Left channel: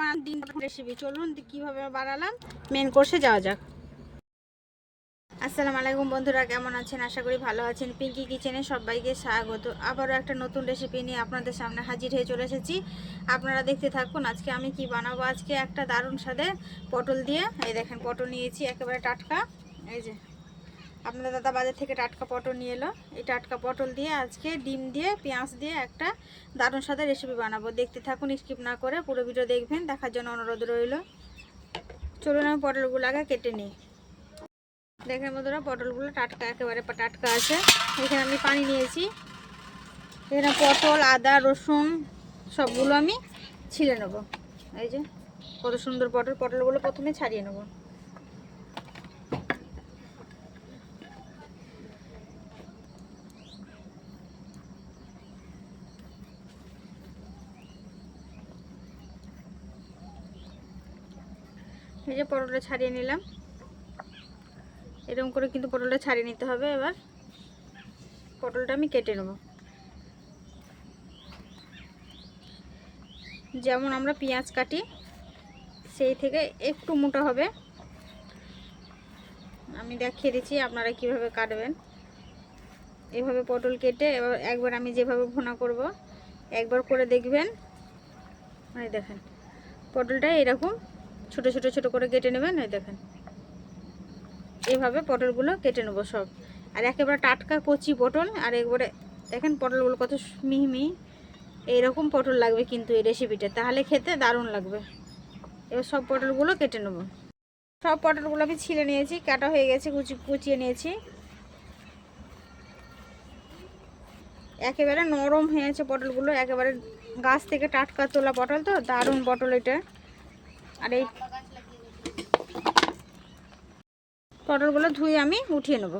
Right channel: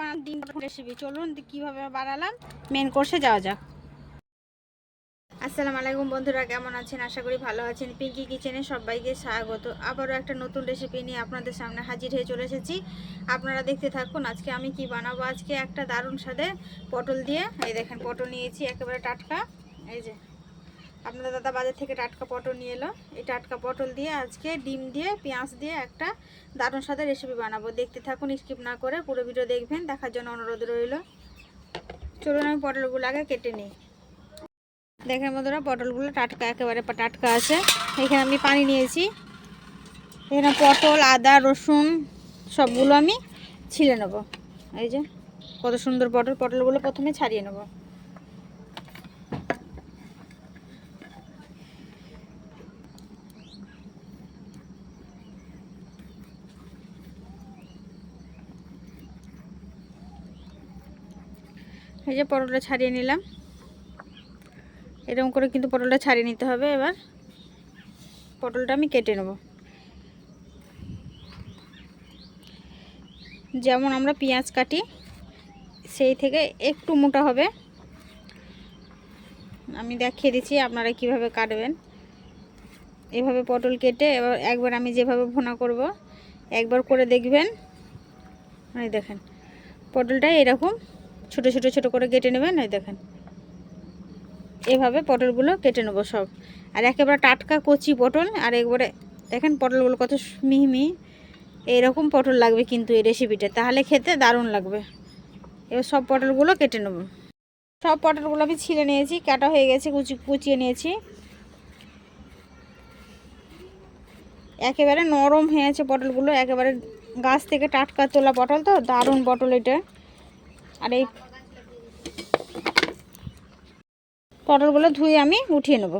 বানান ডিম রেসিপি চলুন কীভাবে বানালাম মেন কোর্সে যাওয়া যাক। আসসালামু আলাইকুম বন্ধুরা, কেমন আছেন? আশা করি ভালো আছেন। পিঙ্কি কিচেনে সবাইকে স্বাগত। আবারও একটা নতুন রেসিপি নিয়ে আপনাদের সামনে হাজির হয়ে চলে এসেছি। আপনারা দেখতে থাকুন, আজকে আমি কি বানাবো? আজকে একটা দারুণ স্বাদের পটল দিয়ে, এই দেখেন, পটল নিয়েছি একেবারে টাটকা। এই যে আপনাদের দাদা বাজার থেকে টাটকা পটল নিয়ে এলো। এই টাটকা পটল দিয়ে আজকে ডিম দিয়ে, পেঁয়াজ দিয়ে একটা দারুণ স্বাদের রেসিপি বানাবো। দেখতে থাকুন স্কিপ না করে পুরো ভিডিও দেখবেন, দেখার জন্য অনুরোধ রইল। চলুন আমি পটলগুলো আগে কেটে নিই। দেখেন বন্ধুরা, পটলগুলো টাটকা, একেবারে টাটকা আছে। এখানে আমি পানি নিয়েছি। এখানে পটল, আদা, রসুন, সবগুলো আমি ছিলে নেব। এই যে, কত সুন্দর পটল। পটলগুলো প্রথমে ছাড়িয়ে নেব। এই যে পটলটা ছাড়িয়ে নিলাম। এরকম করে কিন্তু পটলটা ছাড়িয়ে নিতে হবে এবার। পটলটা আমি কেটে নেব। যেমন আমরা পেঁয়াজ কাটি, সেই থেকে একটু মোটা হবে। আমি দেখিয়ে দিচ্ছি আপনারা কীভাবে কাটবেন। এভাবে পটল কেটে এবার একবার আমি যেভাবে ভুনা করব, একবার করে দেখবেন। এই দেখেন, পটলটা এরকম ছোট ছোট ছোট করে কেটে নেবেন, এই দেখেন। এভাবে পটলগুলো কেটে নেব সব। আর একেবারে টাটকা কচি পটল, আর একবারে দেখেন পটলগুলো কত মিহি এইরকম পটল লাগবে কিন্তু এই রেসিপিটা তাহলে খেতে দারুণ লাগবে। এবার সব পটলগুলো কেটে নেব। সব পটলগুলো আমি ছিঁড়ে নিয়েছি, কাটা হয়ে গেছে, কুচি, কুচিয়ে নিয়েছি। একেবারে নরম হয়েছে পটলগুলো, একেবারে গাছ থেকে টাটকা তোলা পটল তো, দারুণ পটল এটা। আর এই পটলগুলো ধুয়ে আমি উঠিয়ে নেব।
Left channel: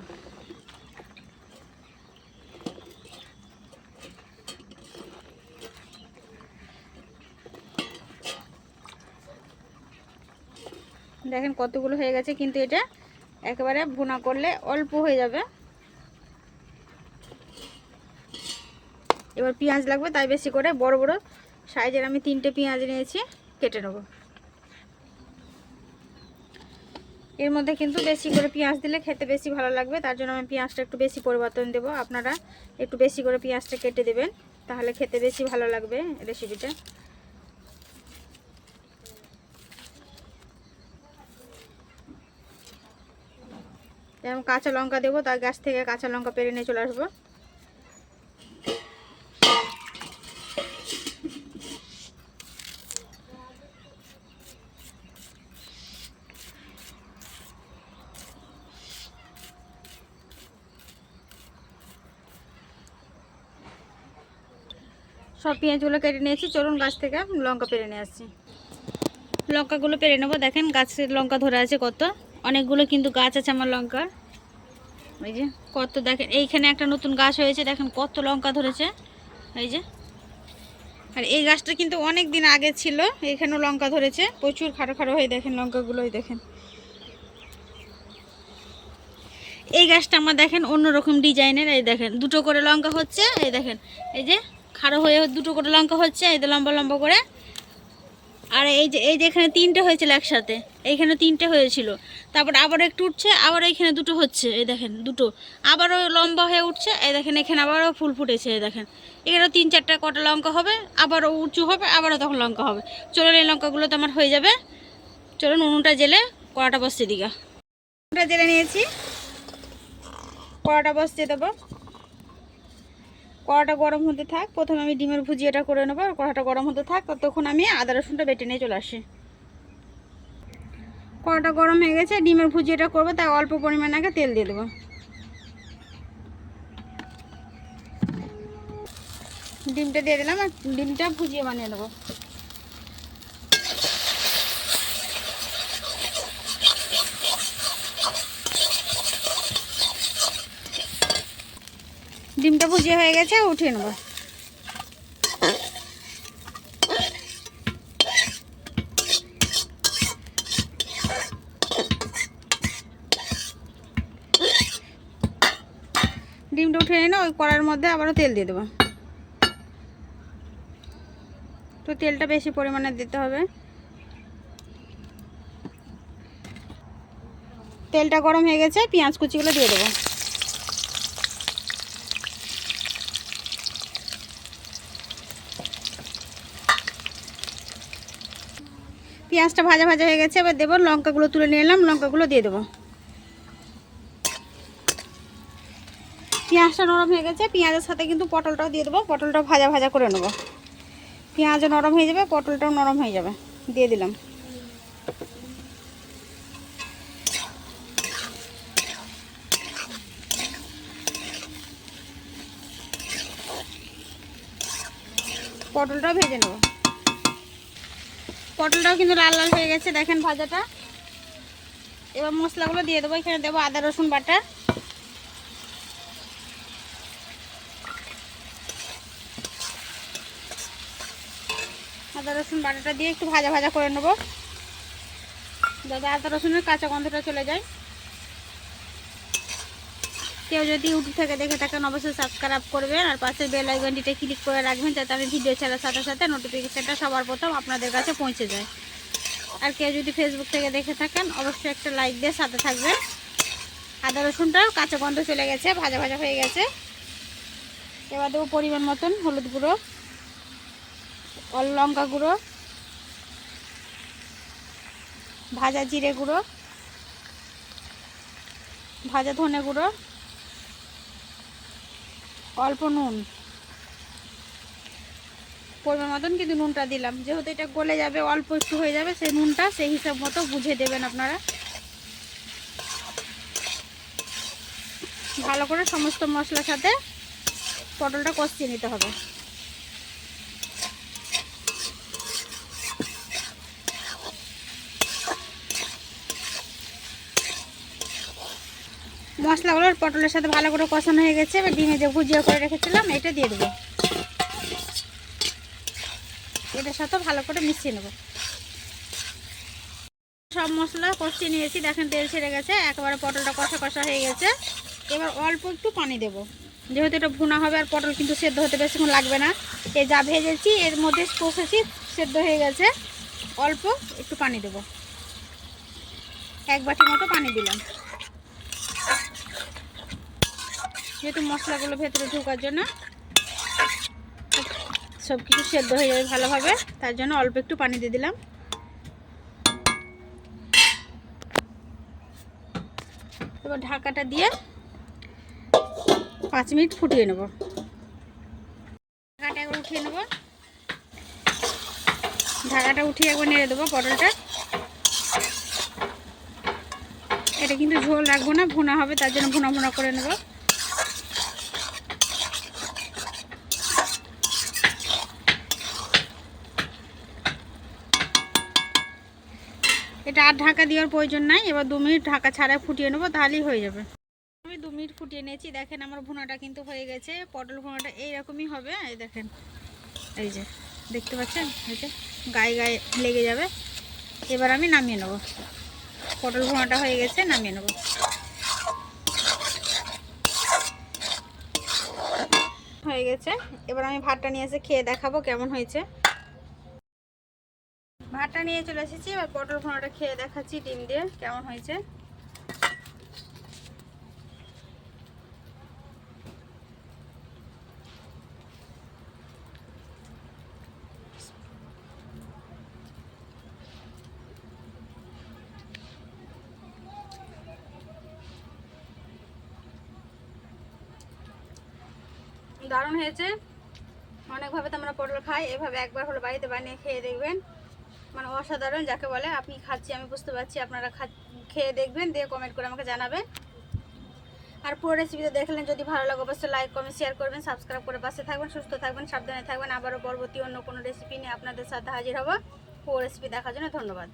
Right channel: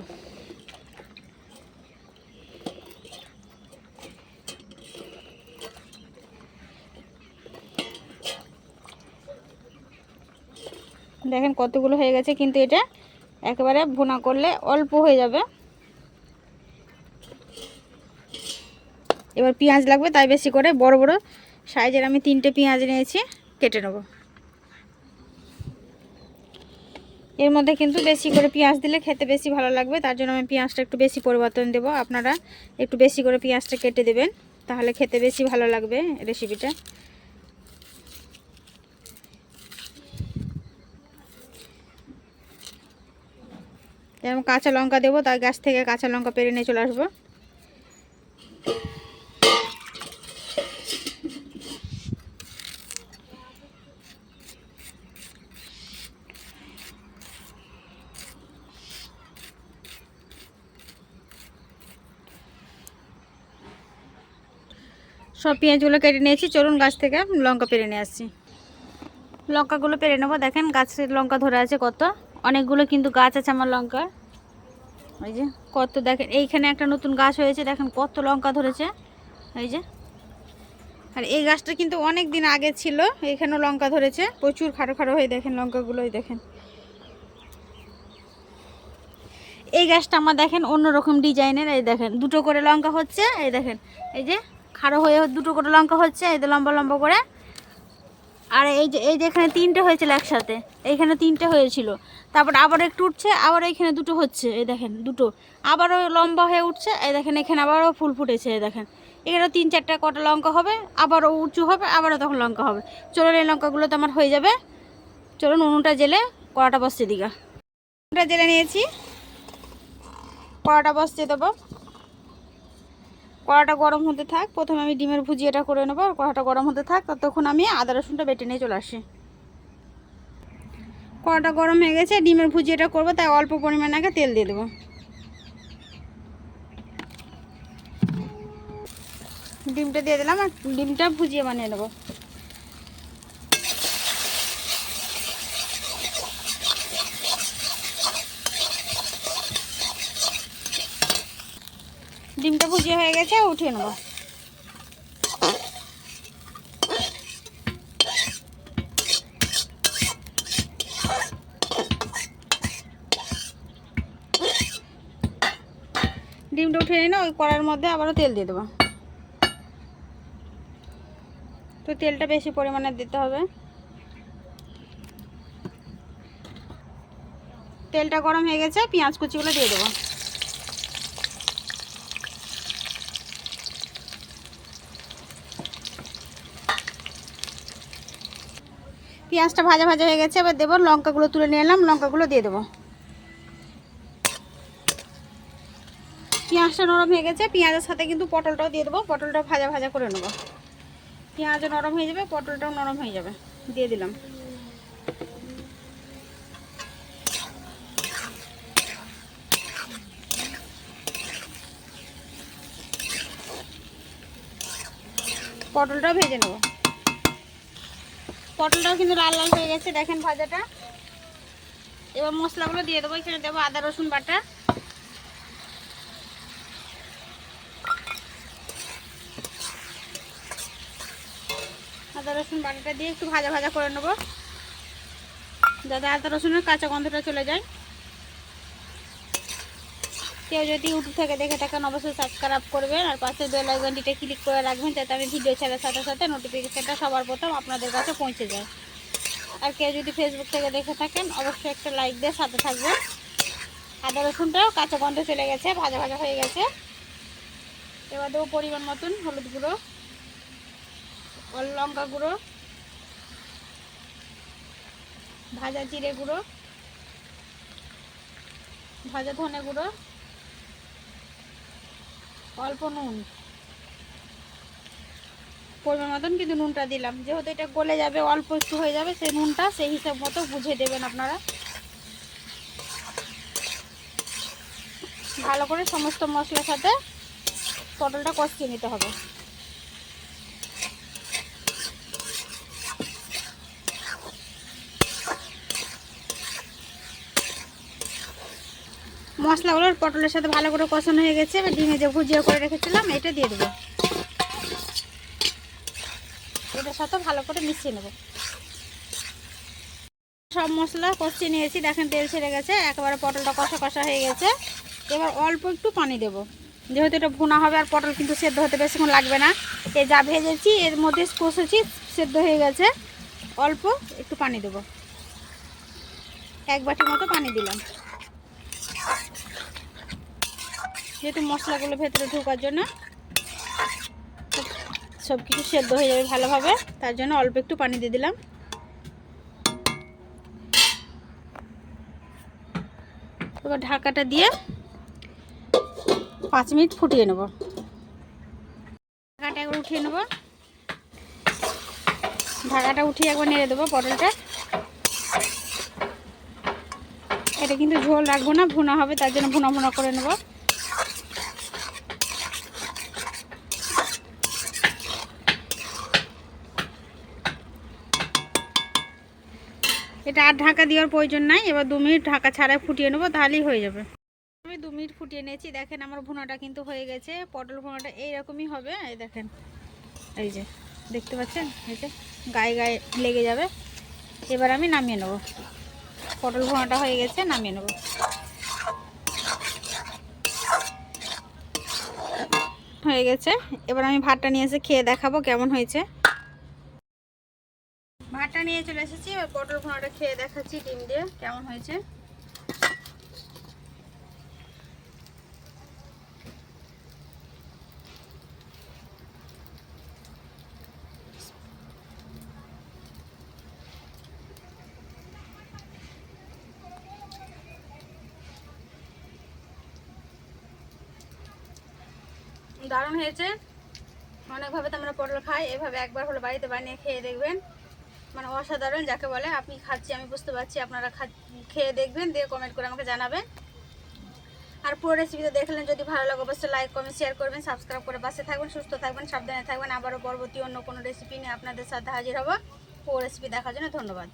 দেখেন কতগুলো হয়ে গেছে, কিন্তু এটা একেবারে ভুনা করলে অল্প হয়ে যাবে। এবার পেঁয়াজ লাগবে, তাই বেশি করে বড় বড় সাইজের আমি তিনটে পেঁয়াজ নিয়েছি, কেটে নেব। এর মধ্যে কিন্তু বেশি করে পেঁয়াজ দিলে খেতে বেশি ভালো লাগবে, তার জন্য আমি পেঁয়াজটা একটু বেশি পরিবর্তন দেব। আপনারা একটু বেশি করে পেঁয়াজটা কেটে দেবেন, তাহলে খেতে বেশি ভালো লাগবে রেসিপিটা। যেমন কাঁচা লঙ্কা দেবো, তার গাছ থেকে কাঁচা লঙ্কা পেরে নিয়ে চলে আসব। সব পেঁয়াজগুলো কেটে নিয়েছি। চলুন গাছ থেকে লঙ্কা পেরে নিয়ে আসছি। লঙ্কাগুলো পেরে নেব। দেখেন গাছের লঙ্কা ধরে আছে কত। অনেকগুলো কিন্তু গাছ আছে আমার লঙ্কার। ওই যে কত দেখেন, এইখানে একটা নতুন গাছ হয়েছে। দেখেন কত লঙ্কা ধরেছে। এই যে। আর এই গাছটা কিন্তু অনেক দিন আগে ছিল, এখানেও লঙ্কা ধরেছে। প্রচুর খাটো খাটো হয়ে দেখেন লঙ্কাগুলোই দেখেন। এই গাছটা আমার দেখেন অন্যরকম ডিজাইনের। এই দেখেন, দুটো করে লঙ্কা হচ্ছে। এই দেখেন, এই যে খাড়ো হয়ে দুটো করে লঙ্কা হচ্ছে, এই লম্বা লম্বা করে। আর এই যে এই যে এখানে তিনটে হয়েছিল একসাথে, এইখানে তিনটে হয়েছিল। তারপর আবার একটু উঠছে, আবার এইখানে দুটো হচ্ছে, এই দেখেন দুটো। আবারও লম্বা হয়ে উঠছে, এই দেখেন এখানে আবারও ফুল ফুটেছে, এই দেখেন। এখানেও তিন চারটা কটা লঙ্কা হবে, আবারও উঁচু হবে, আবারও তখন লঙ্কা হবে। চলুন এই লঙ্কাগুলো তো আমার হয়ে যাবে। চলুন উনুনটা জেলে কড়াটা বসতে দিঘা উনুনটা জেলে নিয়েছি। কড়াটা বসতে দেবো। কড়াটা গরম হতে থাক, প্রথমে আমি ডিমের ভুজিয়াটা করে নেব, আর কড়াটা গরম হতে থাক তখন আমি আদা রসুনটা বেটে নিয়ে চলে আসি। কড়াটা গরম হয়ে গেছে, ডিমের ভুজিয়াটা করব, তাই অল্প পরিমাণ আগে তেল দিয়ে দেবো। ডিমটা দিয়ে দিলাম, আর ডিমটা ভুজিয়ে বানিয়ে নেব। ডিমটা ভুজে হয়ে গেছে উঠিয়ে নেব। ডিমটা উঠে নিয়ে ওই কড়ার মধ্যে আবারও তেল দিয়ে দেবো। তো তেলটা বেশি পরিমাণে দিতে হবে। তেলটা গরম হয়ে গেছে, পেঁয়াজ কুচিগুলো দিয়ে দেবো। পেঁয়াজটা ভাজা ভাজা হয়ে গেছে, এবার দেবো লঙ্কাগুলো তুলে নিয়ে এলাম, লঙ্কাগুলো দিয়ে দেবো। পেঁয়াজটা নরম হয়ে গেছে, পেঁয়াজের সাথে কিন্তু পটলটাও দিয়ে দেবো, পটলটাও ভাজা ভাজা করে নেব। পেঁয়াজও নরম হয়ে যাবে, পটলটাও নরম হয়ে যাবে, দিয়ে দিলাম। পটলটাও ভেজে নেব। পটলটাও কিন্তু লাল লাল হয়ে গেছে, দেখেন ভাজাটা। এবার মশলাগুলো দিয়ে দেবো, এখানে দেবো আদা, রসুন, বাটা। আদা, রসুন, বাটাটা দিয়ে একটু ভাজা ভাজা করে নেব, যাতে আদা, রসুনের কাঁচা গন্ধটা চলে যায়। কেউ যদি ইউটিউব থেকে দেখে থাকেন, অবশ্যই সাবস্ক্রাইব করবেন আর পাশে বেল আইকনটিতে ক্লিক করে রাখবেন যাতে আমি ভিডিও ছাড়ার সাথে সাথে নোটিফিকেশানটা সবার প্রথম আপনাদের কাছে পৌঁছে যায়। আর কেউ যদি ফেসবুক থেকে দেখে থাকেন, অবশ্যই একটা লাইক দিয়ে সাথে থাকবেন। আদা রসুনটাও কাঁচা গন্ধ চলে গেছে, ভাজা ভাজা হয়ে গেছে। এবার দেবো পরিমাণ মতন হলুদ গুঁড়ো লঙ্কা গুঁড়ো, ভাজা জিরে গুঁড়ো, ভাজা ধনে গুঁড়ো অল্প নুন। পরিমাণ মতন কিন্তু নুনটা দিলাম। যেহেতু এটা গলে যাবে, অল্প একটু হয়ে যাবে, সেই নুনটা সেই হিসাব মতো বুঝে দেবেন আপনারা। ভালো করে সমস্ত মশলার সাথে পটলটা কষিয়ে নিতে হবে। মশলাগুলো পটলের সাথে ভালো করে কষানো হয়ে গেছে। এবার ডিমে যে ভুজিয়া করে রেখেছিলাম, এটা দিয়ে দেবো। এটার সাথে ভালো করে মিশিয়ে নেব। সব মশলা কষিয়ে নিয়েছি। দেখেন তেল ছেড়ে গেছে, একেবারে পটলটা কষা কষা হয়ে গেছে। এবার অল্প একটু পানি দেব। যেহেতু এটা ভুনা হবে আর পটল কিন্তু সেদ্ধ হতে বেশিক্ষণ লাগবে না, এই যা ভেজেছি, এর মধ্যে কষেছি, সেদ্ধ হয়ে গেছে। অল্প একটু পানি দেব। এক বাটির মতো পানি দিলাম। যেহেতু মশলাগুলো ভেতরে ঢোকার জন্য সব কিছু সেদ্ধ হয়ে যাবে ভালোভাবে, তার জন্য অল্প একটু পানি দিয়ে দিলাম। এবার ঢাকাটা দিয়ে পাঁচ মিনিট ফুটিয়ে নেব। ঢাকাটা একবার উঠিয়ে নেব। ঢাকাটা উঠিয়ে একবার নেড়ে দেবো পটলটা। এটা কিন্তু ঝোল রাখব না, ভুনা হবে, তার জন্য ভুনা ভুনা করে নেব। এটা আর ঢাকা দেওয়ার প্রয়োজন নাই। এবার দু মিনিট ঢাকা ছাড়াই ফুটিয়ে নেব, তাহলেই হয়ে যাবে। আমি দু মিনিট ফুটিয়ে নিয়েছি। দেখেন আমার ভুনাটা কিন্তু হয়ে গেছে। পটল ভুনাটা এইরকমই হবে। এই দেখেন, এই যে, দেখতে পাচ্ছেন? এই যে, গায়ে গায়ে লেগে যাবে। এবার আমি নামিয়ে নেব। পটল ভুনাটা হয়ে গেছে, নামিয়ে নেব। হয়ে গেছে। এবার আমি ভাতটা নিয়ে এসে খেয়ে দেখাবো কেমন হয়েছে। ভাতটা নিয়ে চলে এসেছি। এবার পটল ভোনাটা খেয়ে দেখাচ্ছি ডিম দিয়ে, কেমন হয়েছে। দারুণ হয়েছে। অনেকভাবে তো আমরা পটল খাই এভাবে একবার হলো বাড়িতে বানিয়ে খেয়ে দেখবেন। মানে অসাধারণ যাকে বলে, আপনি খাচ্ছি, আমি বুঝতে পারছি, আপনারা খেয়ে দেখবেন, দিয়ে কমেন্ট করে আমাকে জানাবেন। আর পুরো রেসিপিটা দেখলেন, যদি ভালো লাগে অবশ্যই লাইক কমেন্ট শেয়ার করবেন সাবস্ক্রাইব করে পাশে থাকবেন, সুস্থ থাকবেন, সাবধানে থাকবেন। আবারও পরবর্তী অন্য কোনো রেসিপি নিয়ে আপনাদের সাথে হাজির হব। পুরো রেসিপি দেখার জন্য ধন্যবাদ।